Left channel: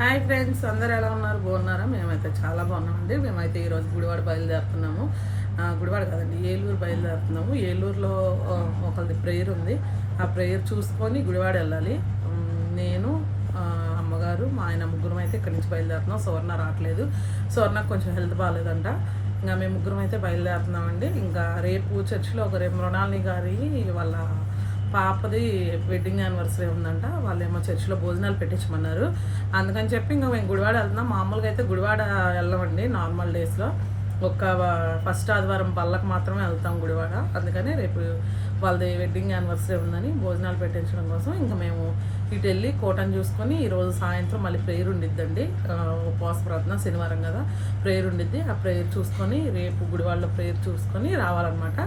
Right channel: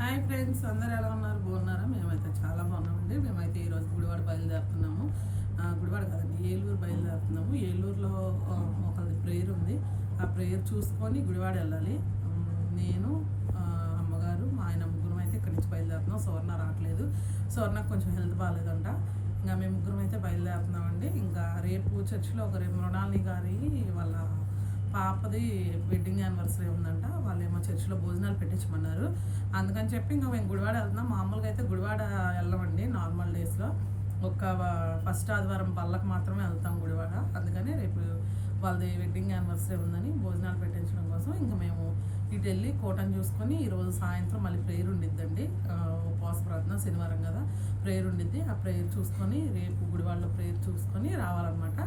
Hi friends అందరు ఎలా ఉన్నారు? బాగున్నారా? మేమైతే చాలా బాగున్నామండి. మేమైతే ఈరోజు గుడివాడ బయలుదేరుతున్నాము. గుడివాడ కాదండి ఏలూరు బయలుదేరుతున్నాము. ఏలూరులో ఒకరిది ప్రేయర్ ఉంది. ఆ ప్రేయర్ చూసుకొని గుడివాడ వెళ్ళాలి. నేను అమ్మగారు మా ఆయన ముగ్గురం అయితే ఇక్కడి నుంచి బయలుదేరుతున్నాం. సువర్ణ రావట్లేదు. సువర్ణకు కొంచెం హెల్త్ బాగాలేదంట. ఇంకా మేము ముగ్గురం అయితే బయలుదేరుతున్నామండి. ఇంకా రేపు చర్చిలో ఒక రేపు మృణాలిని గారి వాళ్ళ పాపది వెడ్డింగ్ యానివర్సరీ ఉందంట. వాళ్ళేమో చర్చిలో భోజనాలు పెట్టించమన్నారు. అందుకని చెప్పి ఇంకా మేము గుడివాడ వెళ్తున్నాం. మామూలుగా అయితే గుడివాడ వెళ్ళమండి నార్మల్ డేస్లో ఒక్క ఫస్ట్ ఆదివారం పళ్ళకు మాత్రమే వెళ్తాం గుడివాడ. అందుకని రేపు వాళ్ళది వెడ్డింగ్ యానివర్సరీ ఉందని భోజనాలు పెట్టించడం కోసం ఇంకా మేము ఇటు వెళ్ళి కోటను చూసుకొని ఈరోజు సాయంత్రం మళ్ళీ ప్రేయర్ ఉండిద్దండి. ఉపవాస ప్రార్థన శనివారం కదా. ప్రేయర్ ఉండిద్ది. ఆ ప్రేయర్ చూసుకొని రేపు గుడివాడలో ప్రేయర్ చూసుకొని రావాలన్నమాట.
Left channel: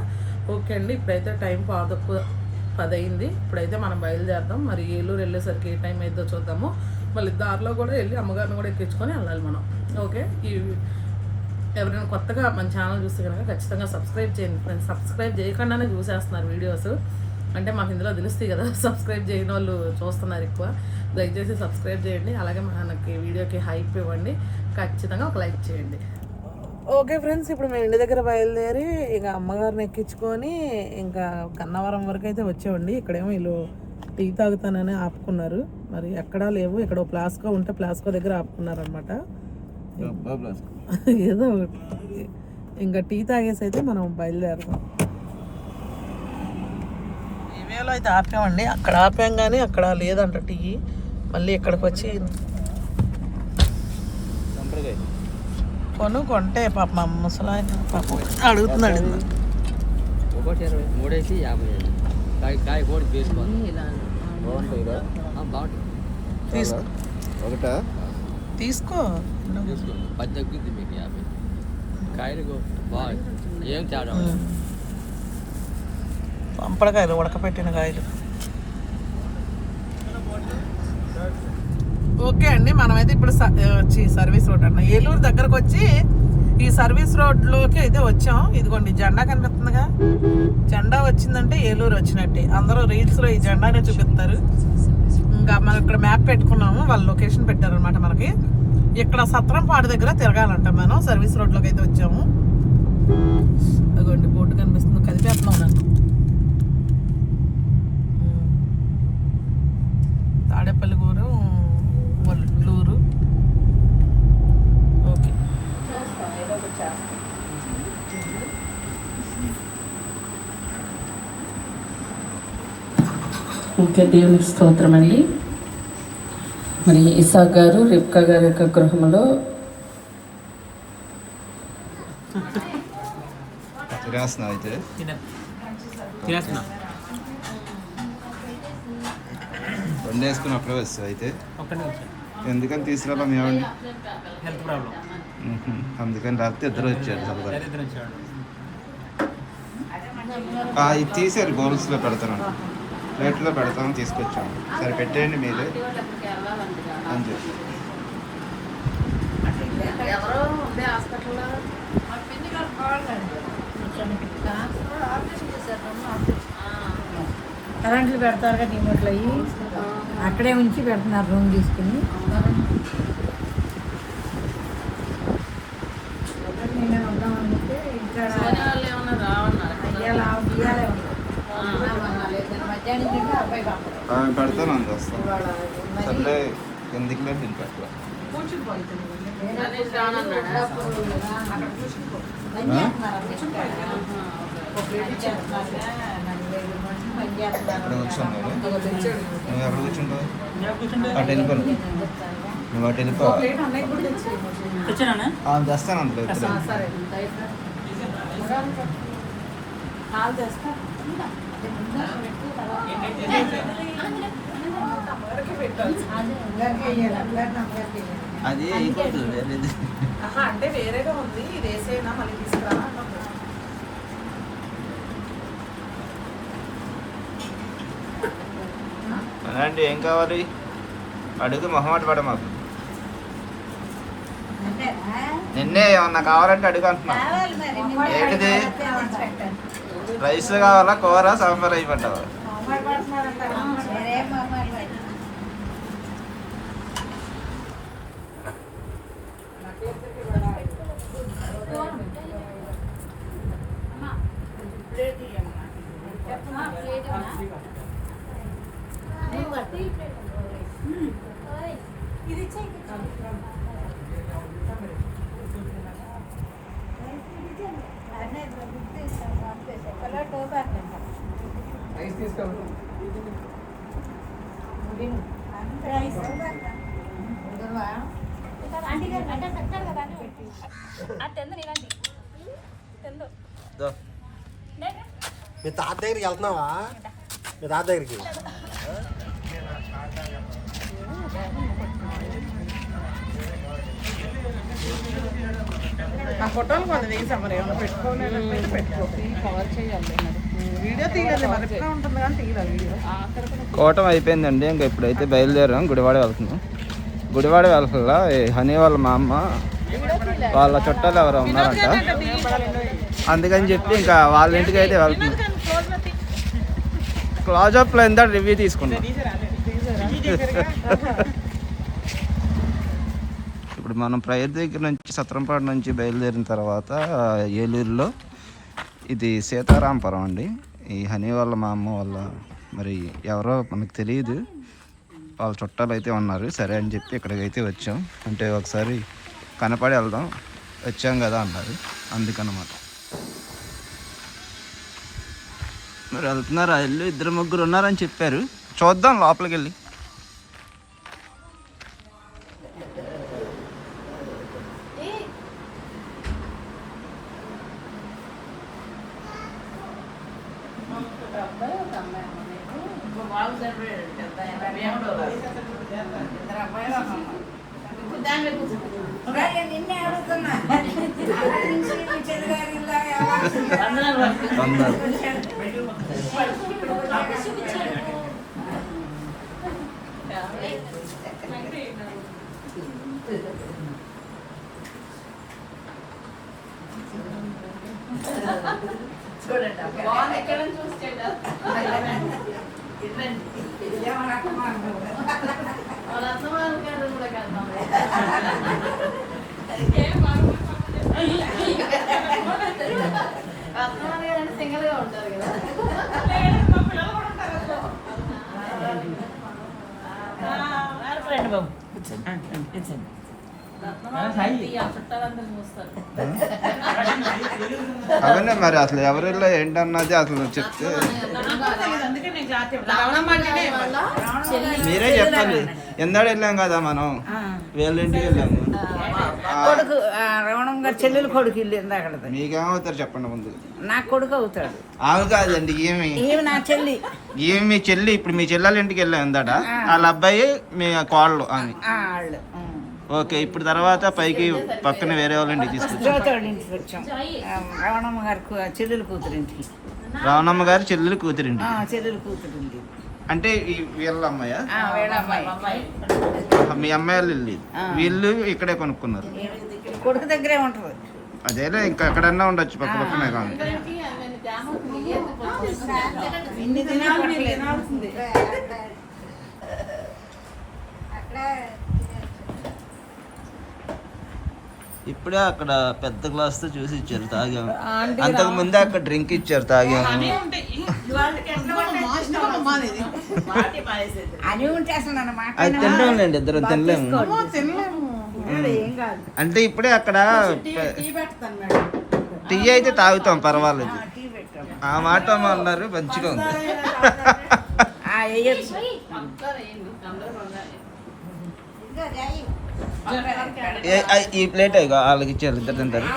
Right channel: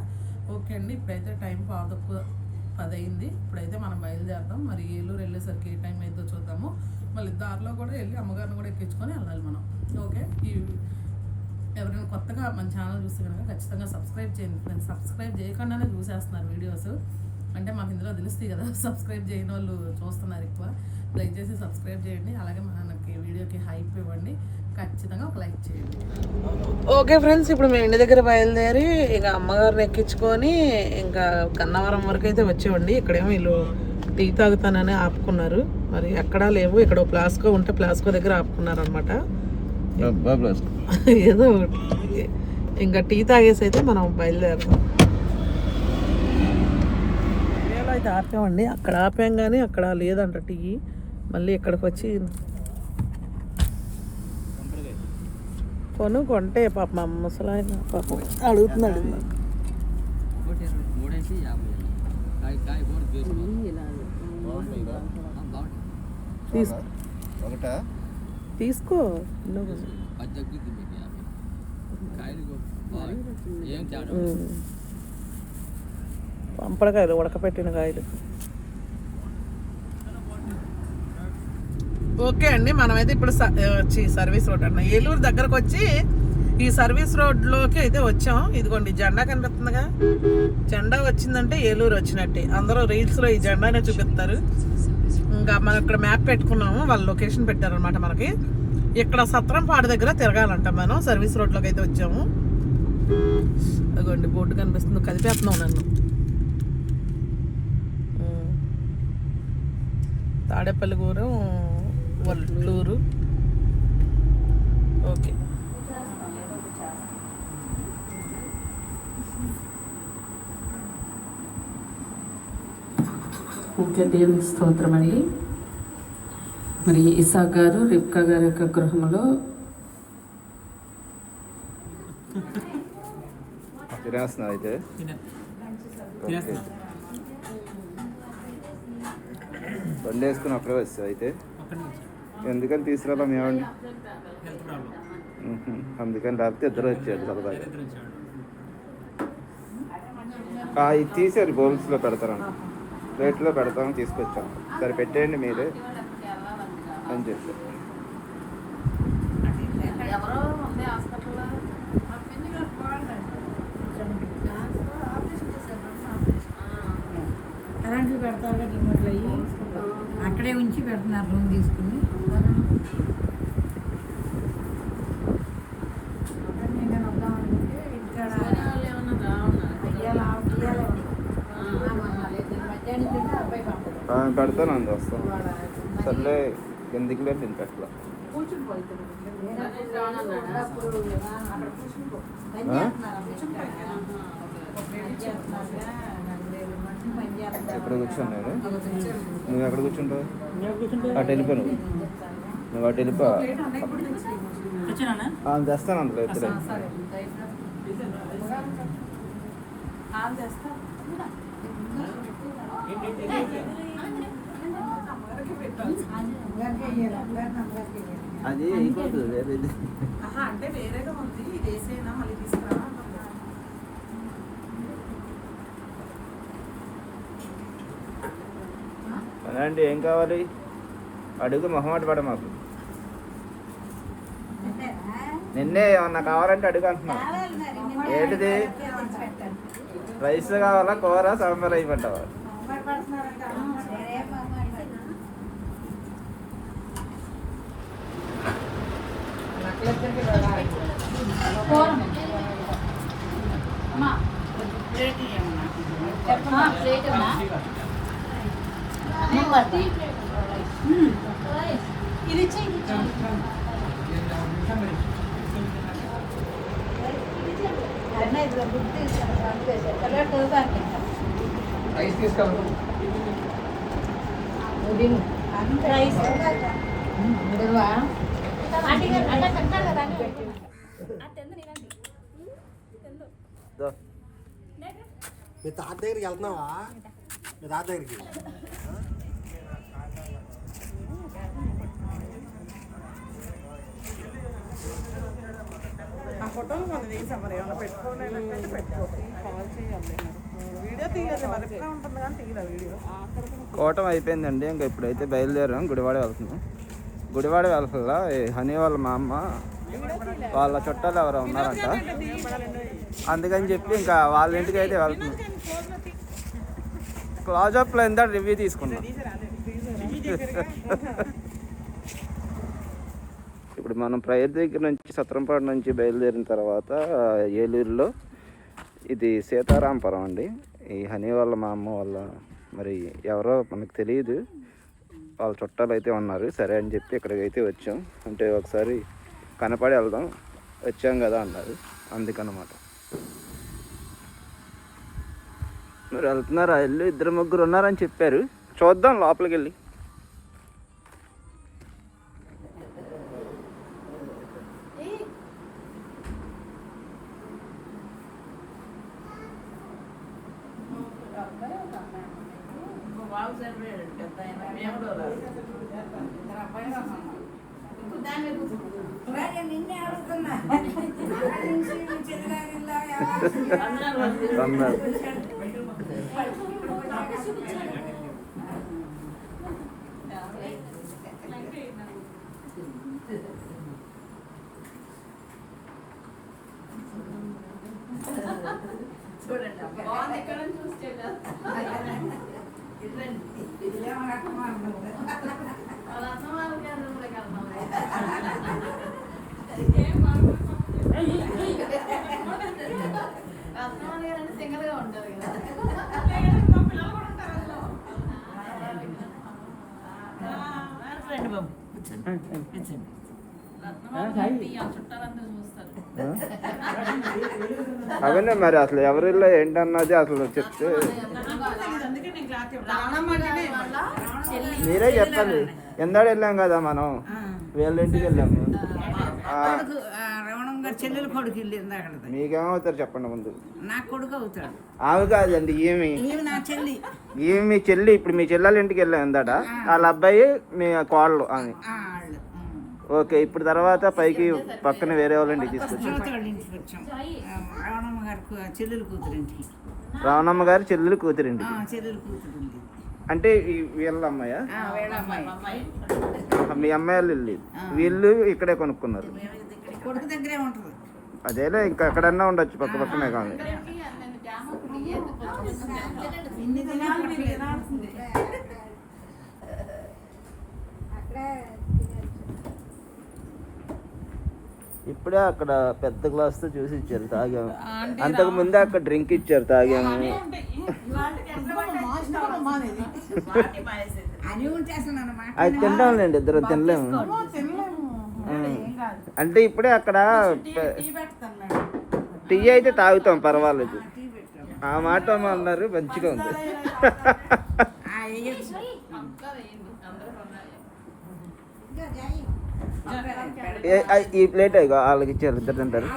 ఓకే అండి. ఇప్పుడైతే టైం పాదొక్కు పది అయింది ఇప్పుడైతే మనం బయలుదేరదాం. మరి ఏలూరు వెళ్ళేసరికి ఏ టైం అయిద్దో చూద్దాము. మళ్ళీ దారిలో కూడా వెళ్ళి అమ్మగారిని కూడా ఎక్కించుకొని వెళ్ళాలి మనం. ఓకే? ఈ ఎవరైనా కొత్తగా మన ఛానల్ చూస్తే కనుక ఖచ్చితంగా సబ్స్క్రైబ్ చేయండి ఫ్రెండ్స్. సబ్స్క్రైబ్ చేయకుండానే చూసేస్తున్నారు వీడియోస్. అంటే మాకు ఇందులో తెలుస్తాయి కదా సబ్స్క్రైబ్ చేయని వాళ్ళు చూస్తున్నారు ఎక్కువ. దయచేసి సబ్స్క్రైబ్ చేయండి. అలాగే మనకి వీడియోకి హైప్ ఇవ్వండి. ఖచ్చితంగా ఒక లైక్ చేయండి. ఓకే ఫ్రెండ్స్ ఇప్పుడు మేము ఇంటి దగ్గర బయలుదేరి ఇక అమ్మగారిని ఎక్కించుకొని ఇంకా కన్నవరం వరకు అయితే వచ్చామండి ఇక్కడేమో వీళ్ళు టీ తాగుతానని ఆపుకున్నారు. మరి ఎక్కడా లేవు. ఇక్కడ ప్లాస్కో ఉంటే ప్లాస్కో దగ్గర ఆపుకున్నారు అనమాట ఏదో ఒకటి. ఇంకా టీ తాగేసి అయితే మనం బయలుదేరుతాం ఏరియాలో అయితే ఆపామండి. అక్కడ ఆపాం కానీ అక్కడ లేదంట టీ. మళ్ళీ ఇక్కడికి వచ్చి కొను కొంటే పాప మా ముసలాయన పాపం అడుగుతున్నాడు. ఒకటి ఇరవై మూడేసి యాభై ఐదు కాయ కాయ కూడా వేసుకోండి బాగుంటుందా బాగుంటుంది తీసుకో ఒకటా? తీసుకో. తీసుకోండి పది తగ్గుద్ది మీకు యాభై. కాయలు బాగా ఏం తేడా. పంపడకాయలు ఉడకపెట్టిన కాయలు. ఓకే అండి మనమైతే ఇప్పుడు వచ్చి సర్వీస్ రోడ్ అన్న. ఏలూరు దగ్గరకు వచ్చి ఈ సర్వీస్ రోడ్లోకి అయితే వచ్చాం. ఇదిగోండి జెండా కనిపిస్తుందిగా జెండా వచ్చిందంటే ఏలూరు వచ్చినట్టే. అందరూ రీల్స్లో ఈ జెండానే చూపిస్తారు. ఇంకా మనం ఇక్కడ మ్యాప్ పెట్టుకున్నాము వాళ్ళు లొకేషన్ పెట్టారనమాట మనకి. ఇక్కడ సత్రంపాడు దగ్గర తిరగాలంట మనం సర్వీస్ రోడ్లోకి అయితే వచ్చాము. అదిగోండి బోర్డు కనిపిస్తుంది కలిపేస్తున్నాం నన్ను. ఉమ్. ఓకే దేవునికి స్తోత్రం అండి మరి ఇసాక్ గారు రిప్కా గారి యొక్క గృహంలో తినేస్తున్నా అయితే. అప్పుడే ఎందుకని హెల్త్ ప్రాబ్లం. మ్మ్హ. అందుకని రాత్రి ఇద్దరు వచ్చాడు వచ్చాడు ఇది తీసారు బౌల్స్లో పెడతారంట. ప్లేట్లో పెడతామని తీసుకొచ్చాము సరే పెట్టేయండి మీరే. అని చెప్పి కరెంట్లు పెడతారు కదా అక్కడే ఉంచి పెడుతున్నారు రూమ్ తీసుకుని నేను వద్దామంటే ఇక్కడ ఇయ్యాల ఇయ్యాలే ఉంది. మధ్యాహ్నం తింటే అబ్బాయి పంపదు. ఆమె పెడతాను అంత వస్తాం ఇవాళ సర్లే ఎందుకులే నేను పెట్టాల కూర్చుని పోయింది అప్పుడు అక్కడ కూర్చుని పని చేస్తున్నారు పని చేస్తున్నారు నలభై ఐదు మంది పని చేస్తున్నారు ఎక్కడ కూర్చున్నావు నువ్వు ఎక్కడ కూర్చుంటావు అటు వెళ్ళిపో నువ్వు అటు వెళ్ళిపో ప్లేట్ అన్నయ్య కూడా తెచ్చేయ్. తెచ్చానా ఆమె తెస్తాను అంత ఆ, సరే పాలు తెస్తా అమ్మగారికి పెట్టాలి అందరికీ అందరిని అందరికీ వెయ్యాలి అది వేరేది ఆహా అంటే వేరేగా ఉంది ఇది వేసేనా మళ్ళీ తీసుకురా అలాంటి ఏం కావాలి అడుగు మొహమాట పడ మాకు. నిన్నే ఏమన్నా కావాలంటే అడుగు అంటున్నా. కావాలి మరి ఏంటిది? నిన్న రైస్ కావాలా కూర సాంబార్ అయిపోతావా మొహమాట పడుతున్నారంట. నేనేం మొహమాట పడను. మీ తాత దగ్గరికి వెళ్తున్నావా మీ తాత దగ్గరికి ఆ ఫోటోలు కొన్ని తీసా మరి ఏమైనా పెట్టుకో. వీడియో తీయలేదు మరి ఉంటుంది కానీ తీయలేదు వీడియో. కోటం అయిపోయిందండి ఇంకా ఇప్పుడైతే బయలుదేరాం గుడివాడ వెళ్తున్నాం. గుడివాడ వెళ్ళాల హనీ వాళ్ళ మా అమ్మ వాళ్ళ చుట్టాలు ఎవరో ఉన్నారంట. అందుకని చెప్పి ఇంకా వాళ్ళ ఇంటికి అయితే వెళ్తున్నాం. క్లాజప్లో ఎంత రివ్యూ తీసుకున్నాం. ఇప్పుడు మనం ప్రయర్ దగ్గర నుంచి సత్రంపాడు నుంచి బయలుదేరిన తర్వాత ఏలూరులో ఇది సీతారాంపురం అండి. ఈ హనీ వాళ్ళ మా అమ్మ వాళ్ళ మరి ఎవరో మనకు తెలియదు. వాళ్ళ చుట్టాలు అయితే ఉన్నారు. సరే అని చెప్పి ఇక్కడికైతే వచ్చాం. అంటే ఒకసారి కనపడి వెళ్దాం. వచ్చాం కదా అన్నారు. అందుకనమాట. మరి వెళ్తున్నారా? ఇల్లు ఇద్దరు ముగ్గురు ఉన్నారని చెప్పారు. చూద్దాం లోపలికి వెళ్ళి సింగిల్గా ఉంటారు కదా అవన్నీ మరి అసలు ఎవరిలో ఏంటన్నది అసలు చెప్తే మీరే చెప్పాలి. ఎందాడు వెళ్ళాం కదా మనం? వీళ్ళ ఇంటికి వెళ్ళాము. గారు చెల్లెలు కొడుకు ఉంది అక్కడ మీకేమవుతారు చెప్పండి ముందు? నా కొడుకు అవుతాడు. ఆవు కాదండి ఏమి ఈమె నా చెల్లి. ఏమి మీ చెల్లి ఇప్పుడు మీ చెల్లెల ఇంటికి వెళ్ళాం ఎందాడ. వాళ్ళ అబ్బాయి మీ కోళ్ళు అని ఆ, వాళ్ళు. ఓకే ఇప్పుడు తర్వాత పైకి పక్కన వేరే వాళ్ళ ఇంటికి తీసుకొచ్చాం. వచ్చాం. గారి కు- చెల్లెలు కూతురు ఇంటికి. రావణమ్మ గారి చెల్లెలు కూతురింటి ఆ, చెల్లెలు కూతురు అంటే వీళ్ళ అమ్మాయ? ఆ, వీళ్ళ అమ్మాయి. మీ అమ్మాయి వాళ్ళు. వీళ్ళు ఇక్కడే కొనుక్కున్నారు. కొడుకు దగ్గరే ఉంటుంది. అదేలే ఇంకా ఎక్కడన్నా ఉండొచ్చు పక్క పక్కనే కానీ ఇన్ని తినే పట్టలేదు. ఇప్పుడే అక్కడ పెద్ద గ్లాస్తో చూసి ఇచ్చారు తాగాము అంతకు ముందే అక్కడ డ్రింక్ ఇచ్చారు తాగాము అది తింటాంలేండి ఇద్దరు తినలేము. అంటే ఇప్పుడే అక్కడ టీ అయితే తాగుతాం పర్వాలేదు. ఆ మాట అన్నారు మంచిగా ఉంది. ఈ ప్లేట్ వాళ్ళకి ఇచ్చారు ఇద్దరు తింటారు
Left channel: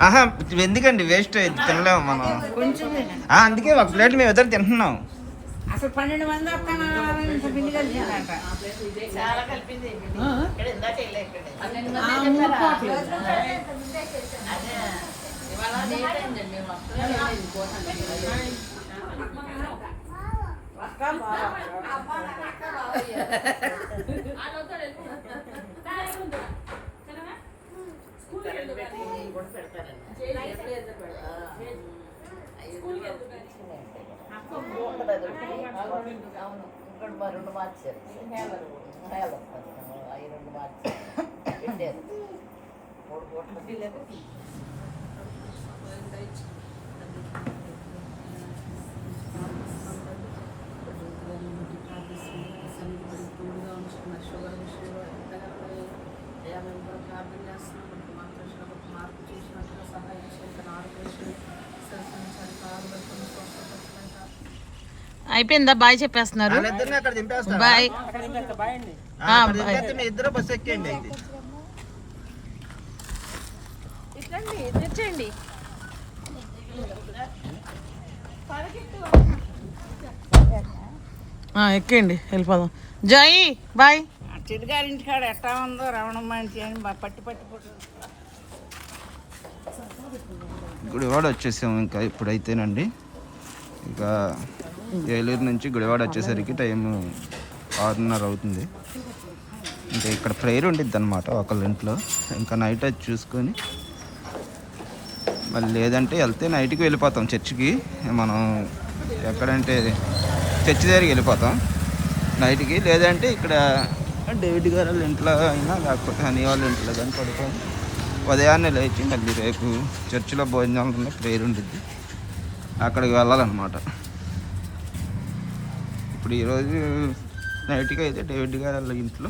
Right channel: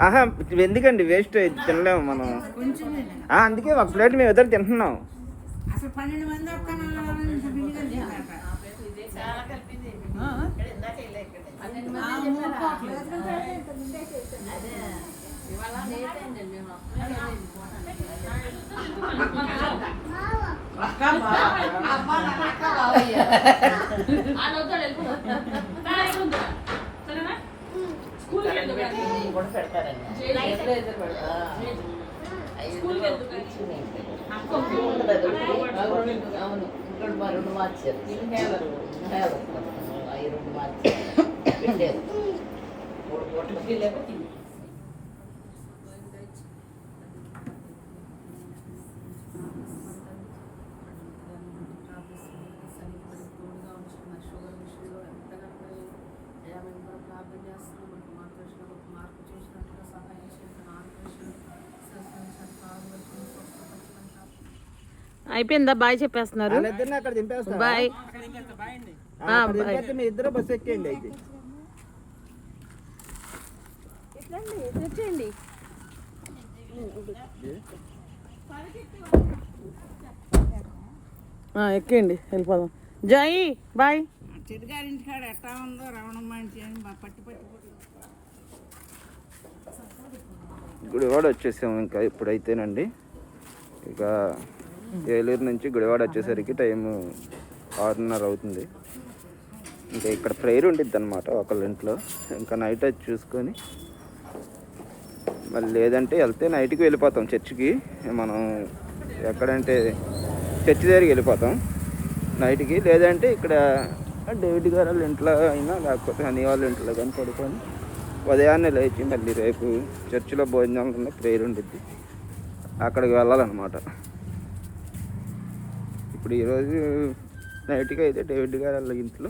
ఆహా ఎందుకండి వేస్ట్ తినలేము మనం అందుకే ఒక ప్లేట్ మేము ఇద్దరు తింటున్నాం అసలు పన్నెండు మంది వస్తాను పిండి కలిసిందంట చాలా కలిపింది కూడా పెడతారండి అవును మార్చారు అయిపోయిందా? బాయ్ చెప్పేస్తున్నారు. బాయ్. ఇద్దరు బస్ ఎక్కండి వెళ్ళిపోదాం. జై బాయ్. చిట్టుగారి కాడ ఎట్టా ఉందో రవణమ్మ అని అని బా- పట్టి పట్టి పట్టు గుడివాడ వచ్చేసాము ఇంకా ఇప్పుడైతేనండి. ఇక ఏలూరు నుంచి గుడివాడ వచ్చేసరికి టైం ఆరున్నర అవుతుంది. ఇంకా ఇక్కడ ప్రేయర్ ఉండిద్ది అనమాట ఒకళ్ళ ఇంట్లో ఇంకా నైట్ అది చూసుకొని మళ్ళీ లేదంటే వెళ్తే నైట్కి వెళ్ళిపోతాం చర్చికి. మనం ఎక్కడంటే చర్చి దగ్గరికి వెళ్ళిపోతాం నైట్కి. లేదంటే ఇక్కడ డేవిడ్ గారు వాళ్ళ ఇంట్లో అయినా లేకపోతే హనీ వాళ్ళ ఇంట్లో కానీ పడుకొని ఉదయాన్నే లేచి మళ్ళీ రేపు చర్చిలో భోజనాలు ఉన్న ప్రేయర్ ఉండిద్ది. అక్కడికి వెళ్ళాలన్నమాట. ఇప్పుడు ఈరోజు నైట్కి అయితే డేవిడ్ గారు వాళ్ళ ఇంట్లో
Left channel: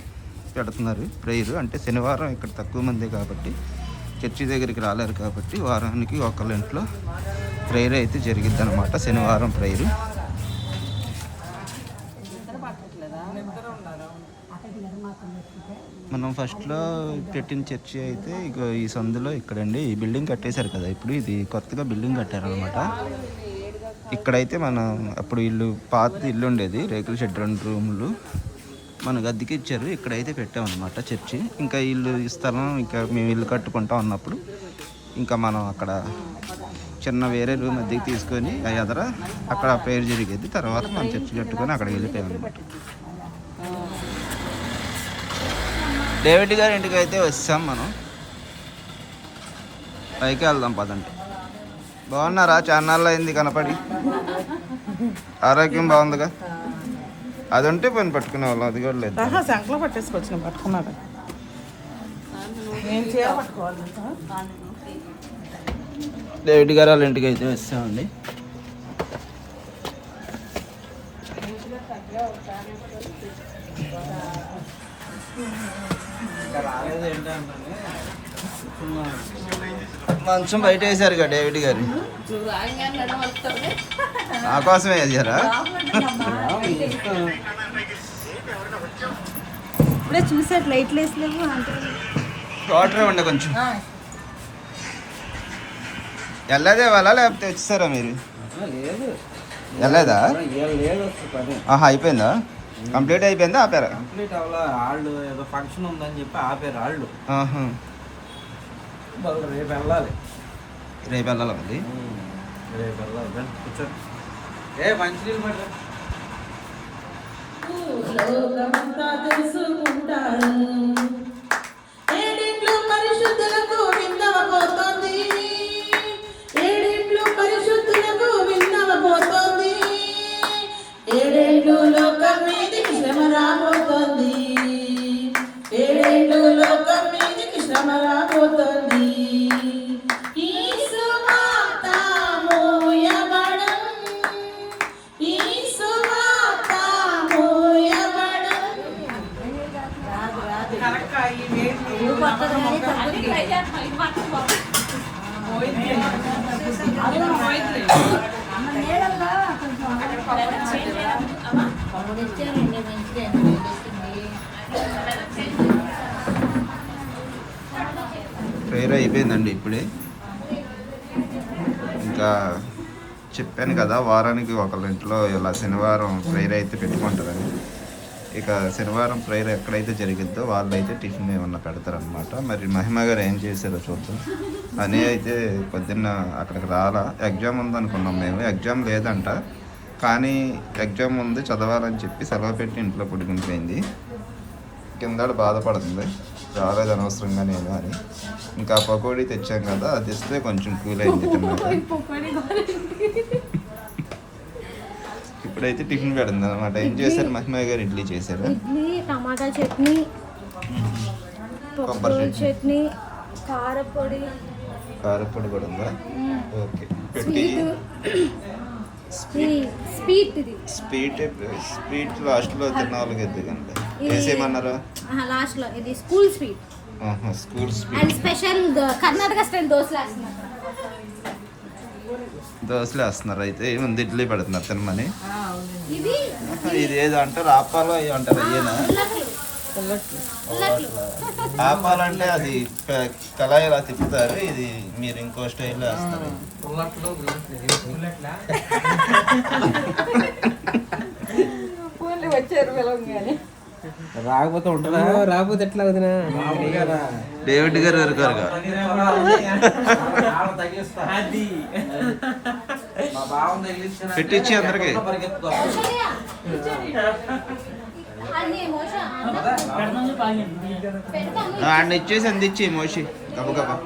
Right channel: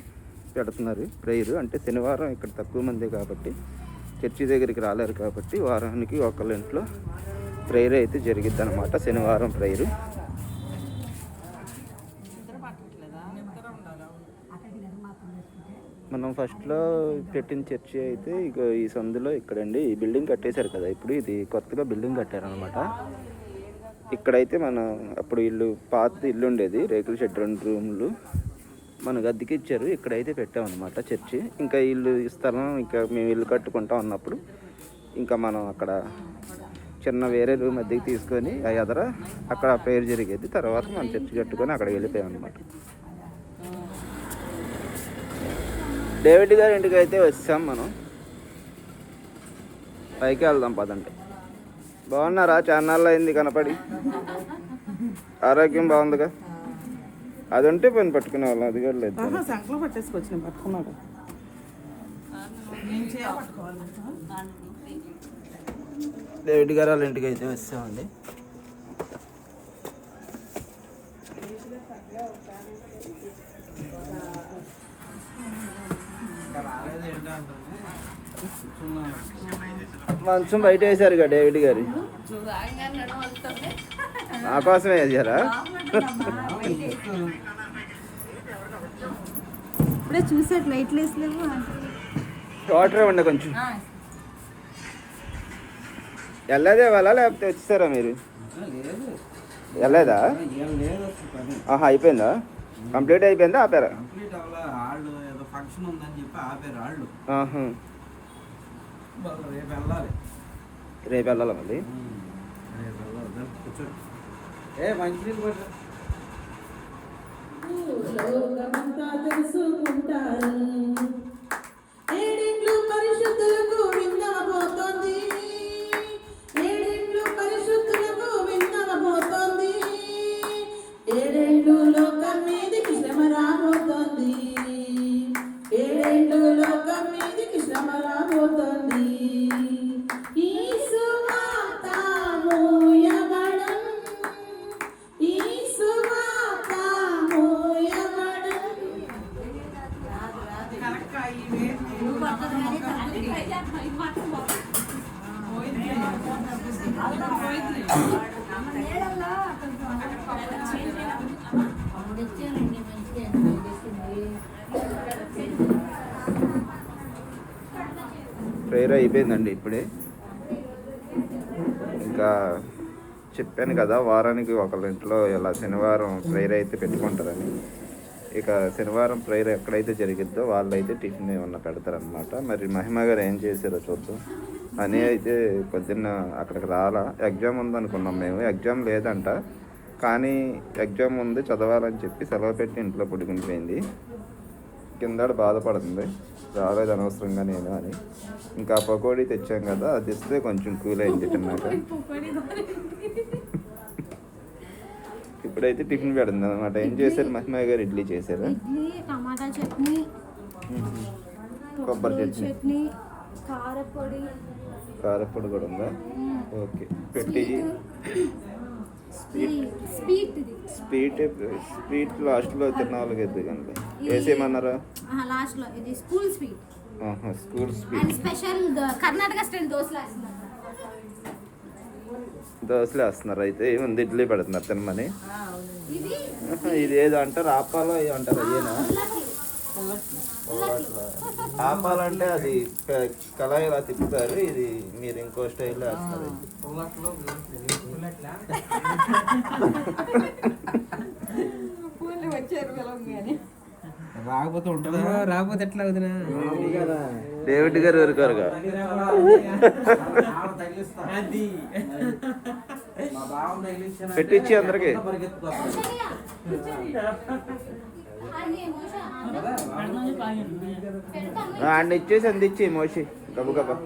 పెడుతున్నారు ప్రేయర్ అంటే శనివారం ఇక్కడ తక్కువ మంది కాబట్టి చర్చి దగ్గరికి రాలేరు కాబట్టి వారానికి ఒకళ్ళ ఇంట్లో ప్రేయర్ అయితే జరిగిద్ది అనమాట శనివారం ప్రేయరు మనం ఫస్ట్లో పెట్టిన చర్చి అయితే ఇక ఈ సందులో ఇక్కడండి ఈ బిల్డింగ్ కట్టేశారు కదా ఇప్పుడు ఇది కొత్తగా బిల్డింగ్ కట్టారనమాట ఇక్కడైతే మనం అప్పుడు ఇల్లు పాత ఇల్లు ఉండేది రేకుల షెడ్ రెండు రూములు. మనకు అద్దెకి ఇచ్చారు ఇక్కడైతే పెట్టామన్నమాట చర్చి. ఇంకా ఇల్లు ఈ స్థలం ఇంకా మేము ఇల్లు కట్టుకుంటా ఉన్నప్పుడు ఇంకా మనం అక్కడ చిన్న వేరే రూమ్ అద్దెకి తీసుకొని ఆ ఎదర అక్కడ ప్రేయర్ జరిగేది. తర్వాత మనం చర్చి కట్టుకొని అక్కడ వెళ్ళిపోయాం అనమాట డేవిడ్ గారి ఇంటికి అయితే వచ్చాం మనం. పైకి వెళ్దాం పదండి. బాగున్నారా? చాన్నాళ్ళు అయింది కనపడి. ఆరోగ్యం బాగుందిగా అది ఉంటే పని పట్టుకునే వాళ్ళం అది కూడా లేదు. సంకలో పట్టేసుకొచ్చిన పట్టుకున్నారు డేవిడ్ గారు వాళ్ళ ఇంటికి అయితే వచ్చామండి. మంచం బయట వేశారు కదా డేవిడ్ గారు. నా కోసం వేసారా ఇప్పుడే చూసారు లైట్లు వేసలేవు అంటే వాటర్ ఉండే కొంచెం. వెళ్ళదే వాళ్ళ లేకపోతే వచ్చేసారా మీరు? లేదు. వెళ్ళలేదా? ఆహా అయిపోయిందా? కంప్లీట్ అయిపోయిందా? ఆపారా? కంప్లీట్ అవ్వాల? వాళ్ళు ఏదో ఫంక్షన్ ఉందని చెప్పి ఆపారు వాళ్ళు. రేపు వెళ్ళాలి. రేపు వెళ్ళాలా మళ్ళీ రేపు వెళ్ళాలి. రండి, కూర్చోండి. ఏ మంచినీళ్ళు పట్టరా. ఏడింట్లో చెప్పాను కదా వారానికి ఒకళ్ళ ఇంట్లో ఇలా శనివారం ప్రేయర్ అయితే పెట్టుకుంటారని ఇక శనివారం ప్రేయర్ ఎక్కడైతే జరిగిద్దో వాళ్ళైతే టిఫిన్ ఏమన్నా పెడతారనమాట మరి మహిమ గారు ఏం చేశారో చూద్దాం. అని అయితే పొద్దున్న అక్కడికి రాలా. ఎగ్జామ్ ఉందనుకున్నాం మేము. ఎగ్జామ్ లేదంట. కానీ ఎగ్జామ్ ఉంది చదవాలని చెప్పి సెలవు పెట్టి ఇంట్లో పుట్టుకునిపోయింది కింద బాధపడుతుంది. రాలేదు అనవసరంగా నేను అని. ఇంకా పకోడీ తెచ్చాం కదా అది ఇస్తే కొంచెం కూల్ అయింది ఇప్పుడైతే టిఫిన్ పెడుతుంది అనమాట ఏం చేశారు మహిమయ్య గారు? ఇడ్లీ చేశారు? ఇడ్లీ టమాటా చట్నీ కొబ్బరి చట్నీ. కారపొడి. కారపొడి కూడా ఉందా? ఓకే. స్వీట్. స్వీట్. స్వీట్. లాస్ట్లో తిన్న వాళ్ళకి ఎందుకండి వేసేయమన్నారు లాస్ట్లో ఇది school sweet. School and sweet special Karnataka style దోశలు వేస్తున్నారు. దోశలు వేస్తున్నారు అయితే ఏముంది ఇడ్లీ పెడుతున్నారు తినమని. ఇది ఏదో అంటారు ఆపాలో ఏదో అంటారు ఉల్లకి ఆపాలంటే అది కళాయి ఇలా తిప్పుతారు ఇది మీరు ఇంకో స్టైల్లో వేస్తారు. వచ్చారు రాకపోతే ఉంటుందా? రాకపోతే ఎట్లా వదినా? డేవిడ్ గారు తగిలించిన పెట్టించి అందరికి. ఆయన ఇచ్చేసి అందించి మోషి. గబగబా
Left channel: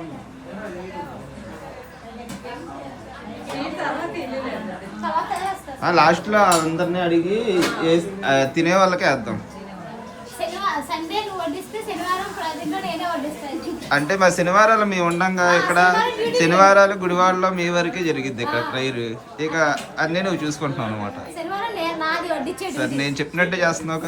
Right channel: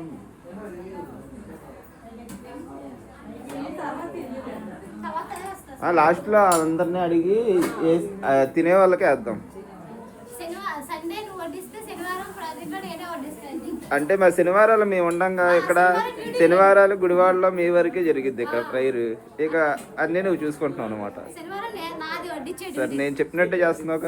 లాస్ట్లో అందరినీ అడిగి తినే వాళ్ళకే వేద్దాం శనివారం సండే నువ్వు వడ్డిస్తే శనివారం ప్రజెంట్లో నేనే వడ్డిస్తాను అంటే మా శనివారాలు మేము ఉండంగా ఇక్కడ శనివారాలు గుడివాడలో మీ వరకే జరిగిద్ది ఇక్కడ ప్రైర్ ఇక అన్నీ నువ్వు చూసుకుంటున్నావు అనమాట సరే నేను చెప్పినట్టే చేస్తున్నావు.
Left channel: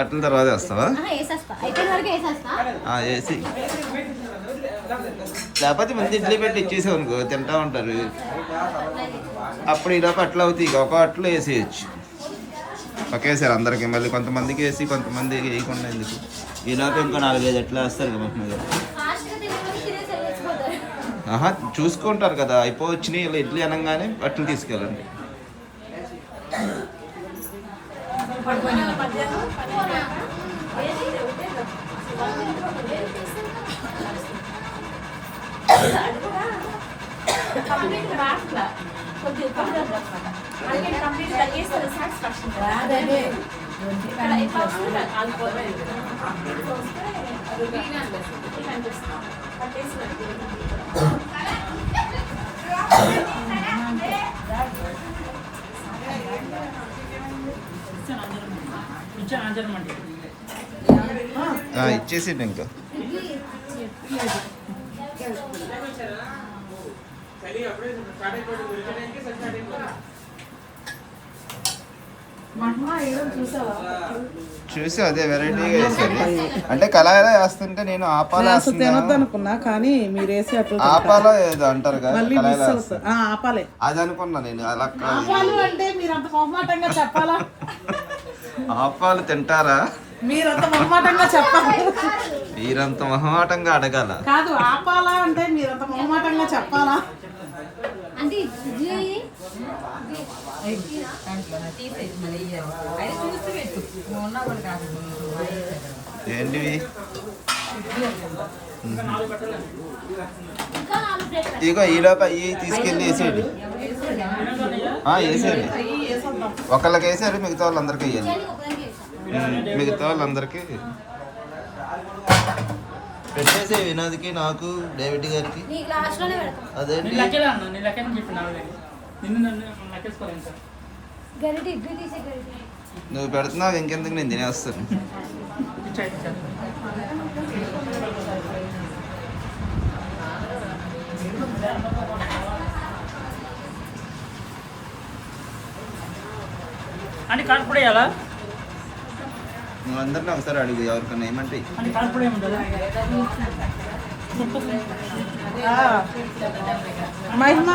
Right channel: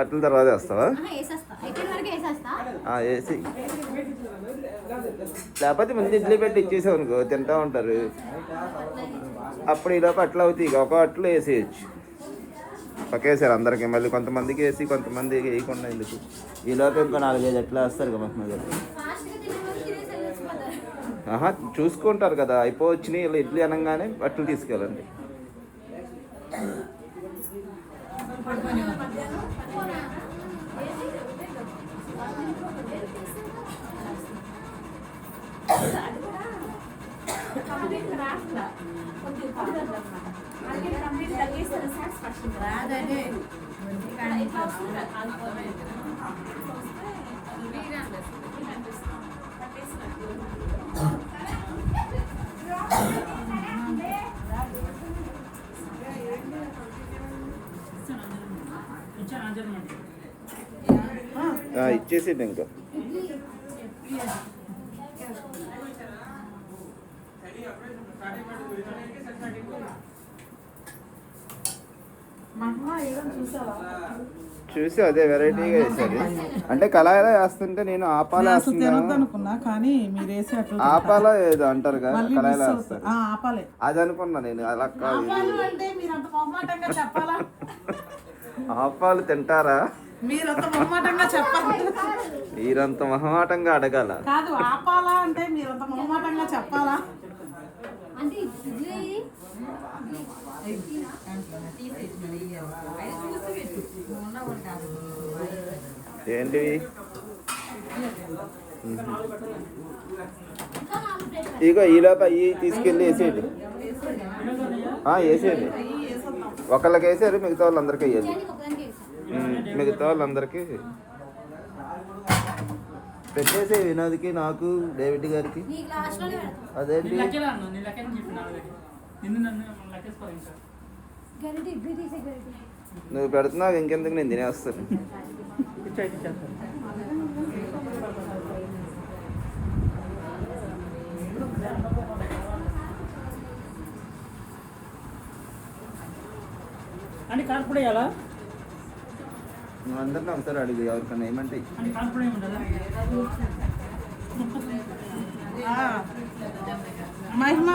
అట్ల తర్వాత వేస్తావా వేసి. లేకపోతే మంది ఇడ్లీ పెట్టి ఇచ్చేసావు అనుకో తింటా ఉంటారు. అప్పుడు ఈలోపు అట్లా అవుతాయి ఇక. ఒక అట్లు వేసేయచ్చు. ఒకేసారి అందరికి మళ్ళీ కొంతమందికి వేసి కొంతమంది వేయకుండా ఎందుకు? ఈలోపు ఇంకో నాలుగైదు అట్లా వేస్తారు కదా మహిమ మీద? ఆహా చూసుకుంటారు కదా. అయిపోవచ్చినాయి ఇలా ఇడ్లీ అనగానే అట్లు తీసుకెళ్ళండి. రాదనే ఆ, ఇచ్చేసిండు ఇంకా. చూసి అదే వెరైటీగా వేసేది. అంటే కళాయిలో వేస్తుంటే నేను ఆపాలా తినొద్దు అనుకున్నా కానీ మీరు వేసి అట్లా. ఆపాలా ఏదో అంటారు కదా కళాయిలో ఆపాలే. అది అనుకున్నా నేను అలా కాదు. ఆపాలు అంటే మీరు అంత మొహమాటంగా చెప్పాలా? ఆపాలు తింటారా? మీరంత మొహమాటంగా చెప్పాలి? మీరంత మొహమాటంగా అడగాల. కాదు ఆపాలా అంటే మీరంత మొహమాటంగా చెప్పాలా? ఏంటివి? ఇగో ఈ లోపల అవి తీసుకెళ్ళి వేసేయండి. వేసేయండి. ఒకళ్ళకి వేసారు మిగతా వాళ్ళందరికీ వేయాలి. మిగతా వాళ్ళందరికీ పెట్టేసి వినోద్కి నాకు డేవిడ్ గారికి. గరిటి నువ్వు పెడుతున్నావు ఇంకెందుకు నేను తినేస్తాను అని కాన్పుడే అలా నువ్వు అందరినీ ఒకసారి అడుగు ఎవరికన్నా ఏమంటే. మహిమ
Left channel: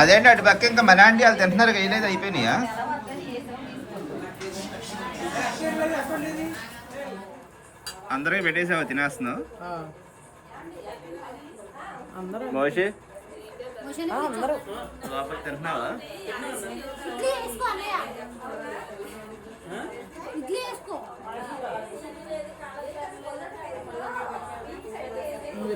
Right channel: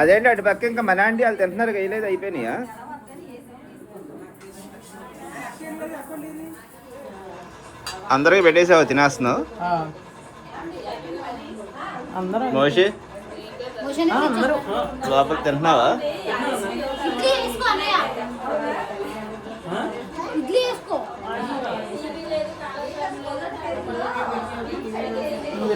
అదేంటి అటు పక్క ఇంకా మన ఆంటీ వాళ్ళు తింటున్నారు వేయలేదు అయిపోయినాయా? అందరికి పెట్టేసావు తినేస్తున్నావు? మోషి? మోషన్ లోపల తింటున్నావా? నువ్వు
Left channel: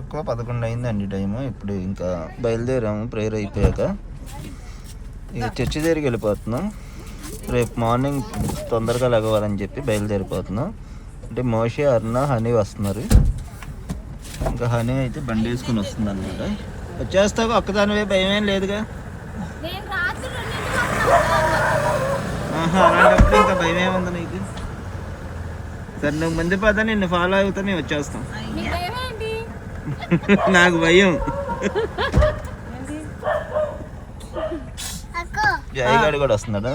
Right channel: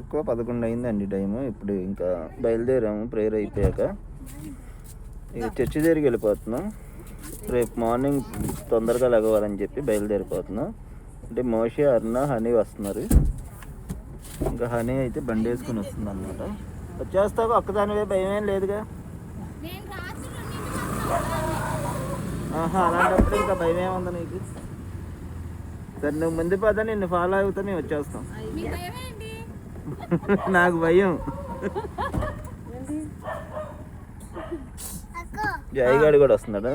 ఎప్పుడు పదకొండు అయిందండి టైము. ఇప్పుడు ఇంకా బయలుదేరాము ప్రేయర్ అయిపోయాక. ఇక చర్చి దగ్గరికి వెళ్ళిపోతున్నాం. రేపు మార్నింగ్ తొందరగా లెగవాలని చెప్పి బయలుదేరిపోతున్నాం. అంటే మోషే అరుణ హనీ వస్తున్నారు. ఇంకా హనీ అయితే బండి వేసుకుని వస్తుంది అనమాట వచ్చేస్తావు? ఒక్కదానివే భయం ఏం లేదుగా? అలాంటప్పుడు ఇంకా భయం ఏముంది నీకు? సరే నువ్వు ముందు పద నిన్ను ఫాలో అవుతా మేము వచ్చేస్తాం. నాకు భయం. జయగాడు కూడా వస్తున్నాడా?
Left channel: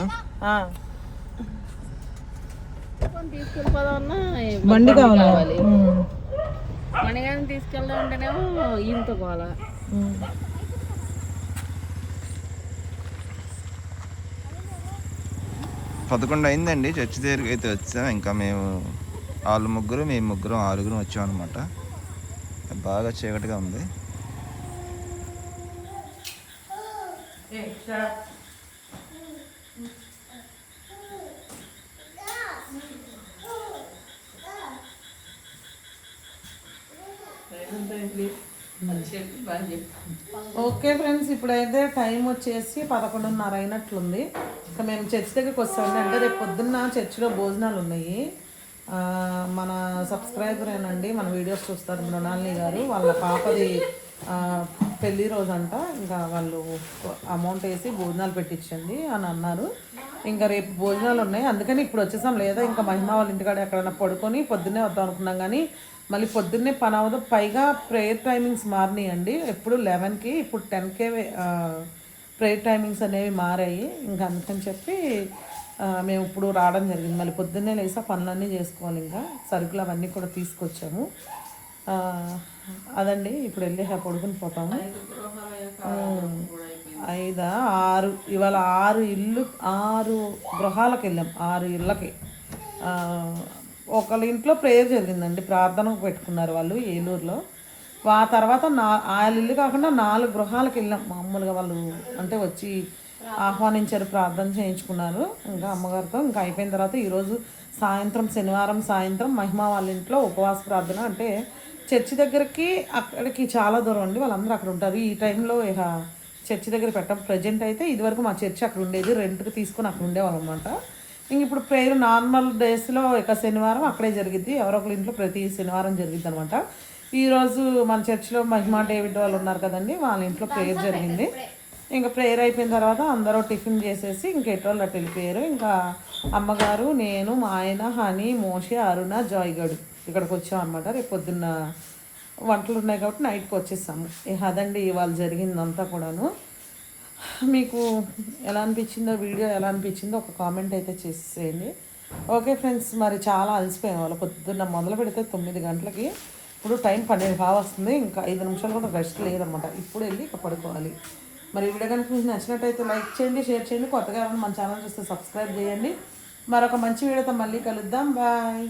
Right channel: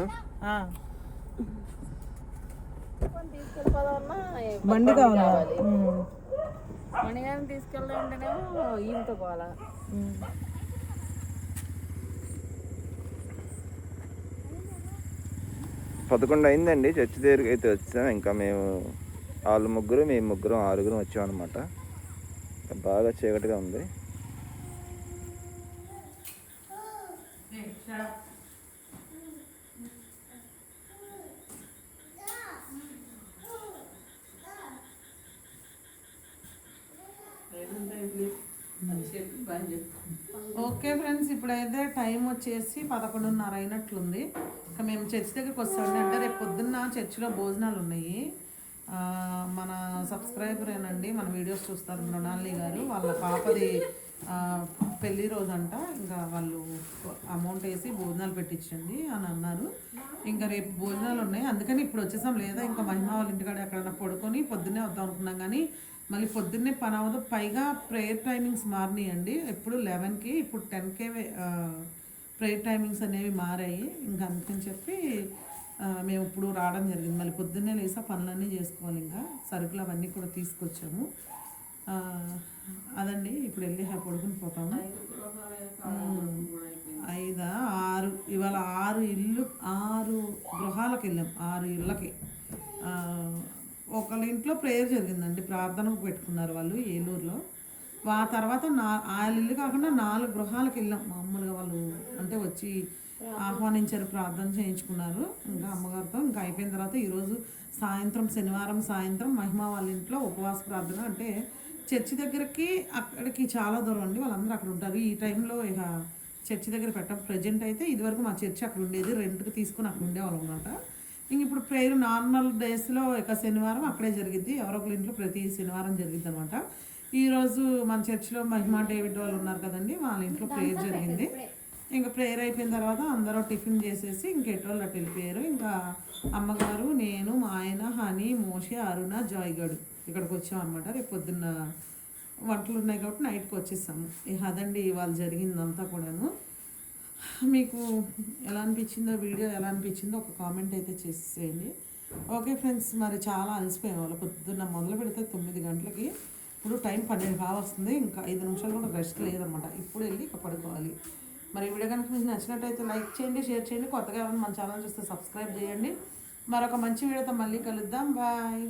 బండి కావాలా? ఉమ్. మణిగారిని తీసుకెళ్దాం అంటేనేమో ఈయనతో పోవాలా. పదకొండు అయిందండి చర్చి దగ్గరికి అయితే వచ్చాం. ఇంకా మేము వాళ్ళు ముగ్గురు మేము ముగ్గురం ఆరుగురం వచ్చాం అనమాట బాగా చీకటిగా ఉంది. ఓకే ఫ్రెండ్స్ ఇప్పుడైతే టైం వచ్చేసి పదకొండున్నర అయినట్లుంది. ఇంకా మేము చర్చ్ దగ్గరికి వస్తామండి. అంటే రేపు పొద్దున్న చర్చిలో భోజనాలు ఉన్నాయి. మన సబ్స్క్రైబర్ ఏనండి మన వీడియోస్ చూస్తారు మృణాలిని గారు. వాళ్ళ పాపది పెళ్ళి రోజంట రోజు అంట ఇంకా వాళ్ళు అమౌంట్ వేసి భోజనాలు పెట్టించండి అని అన్నారు. ఇంకా రేపు భోజనాలు ఉన్నాయి. అందుకని ఇప్పుడు వచ్చేసాం. లేదా ఇంకా మహిమ వాళ్ళ ఇంటికాడ ఎక్కడైనా పడుకొని పొద్దున్నే వద్దాం అనుకున్నాం. కానీ మళ్ళీ పొద్దున్నే పని అవ్వదు. పైగా ప్రేయర్ టైమింగ్స్ మారినాయండి. ఎప్పుడు లెవెన్కి ఇప్పుడు టెన్కే ప్రేయర్ టైమింగ్స్ అనేవి మారాయి. ఇంకా అందుకని చెప్పి మేము ఇప్పుడు రావడం జరిగింది. మళ్ళీ పొద్దున్నే లేసా పనులన్నీ చేసుకోవాలి ఇంకా. సరుకులు అవన్నీ కూడా తీసుకొచ్చాము. అదండి. ఇప్పుడు వెళ్ళి పడుకుని పోతాము. ఐదా ఆరు. ఇవాళ ఆరు ఇల్లు ఆరు గృహాలకు వెళ్ళాం. ఆరు ఇళ్ళకి. ఒకళ్ళ ఇంట్లో ప్రేయర్ జరిగిందండి. ప్రార్థనకు పెట్టుకున్నారు వాళ్ళు ఏలూరులో. ఆ తర్వాత నా వాళ్ళ ఇల్లు కాకుండా నాలుగు గృహాలకు వెళ్ళాం. మామూలుగా వాళ్ళు అంటే వచ్చి ఆహ్వానించారు ప్రార్థన చేయించుకున్నారు. ఇంకా అమ్మగారితో ఇంకా అయిపోయిన తర్వాత ఈరోజు సాయంత్రం శనివారం సాయంత్రం మహిమ వాళ్ళ ఇంట్లో ఉపవాస ప్రార్థన. అంటే చర్చి దగ్గరికి అక్కడికి చాలా దూరం అండి. వాళ్ళందరూ అక్కడ ఉంటారు. ఈ టైంలో ఇక చర్చి దగ్గర పెట్టం. ప్రజెంట్ అయితే ఇదివరకు మా చర్చి అక్కడ ఉండేది. రెంట్కి తీసుకొని అక్కడ ఉండేవాళ్ళం అనమాట ఇంక ఇప్పుడు ప్రేయర్ నార్మల్ డేస్లో ఇక శనివారం అక్కడే జరిగిద్ది. ఎవరో ఒకరి ఇంట్లో ప్రతి శనివారం జరిగిద్ది అనమాట ఈరోజు మన చర్చిలో మహిమా డేవిడ్ వాళ్ళు ఉన్నారు కదండి వాళ్ళ ఇంట్లో ప్రేయర్ జరిగింది. ఇంకా ప్రేయర్ అయిపోయిన తర్వాత అందరూ టిఫిన్ చేసేసి ఇంక ఎటోళ్ళు అటు వెళ్ళిపోయారు. ఇంకా అమ్మగారు నేను మా ఆయన హనీ మోషి అరుణ జాయ్గడు ఇక్కడికి వచ్చాం అనమాట రేపు పొద్దున్న వంటలు ఉన్నాయి కాబట్టి నైట్కి వచ్చేసాము. అదండి ఇవాళ జరిగిందంతా కూడాను. మీకు ఎలా అనిపించిందో వీడియో ఎలా అనిపించిందో ఒక కామెంట్ అయితే చేసేయండి. ఓకే ఫ్రెండ్స్ మరి చాలా అలసిపోయాం. వాళ్ళు పొద్దున్న మొదలు పెడితే తొమ్మిది గంటలకి. ఇప్పుడు టైం పన్నెండు కావస్తుంది ఇంకా ఐదు నిమిషాలు కూడా రెస్ట్ లేదనమాట. ఇప్పుడు వెళ్ళి ఇక పడుకోవాలి. మరి వీడియో కనుక మీకు నచ్చినట్టయితే లైక్ చేయండి షేర్ చేయండి. కొత్తగా మన ఛానల్ చూస్తే సబ్స్క్రైబ్ చేయండి. మరొక మంచి వీడియోతో మళ్ళీ కలుద్దాం. బాయ్.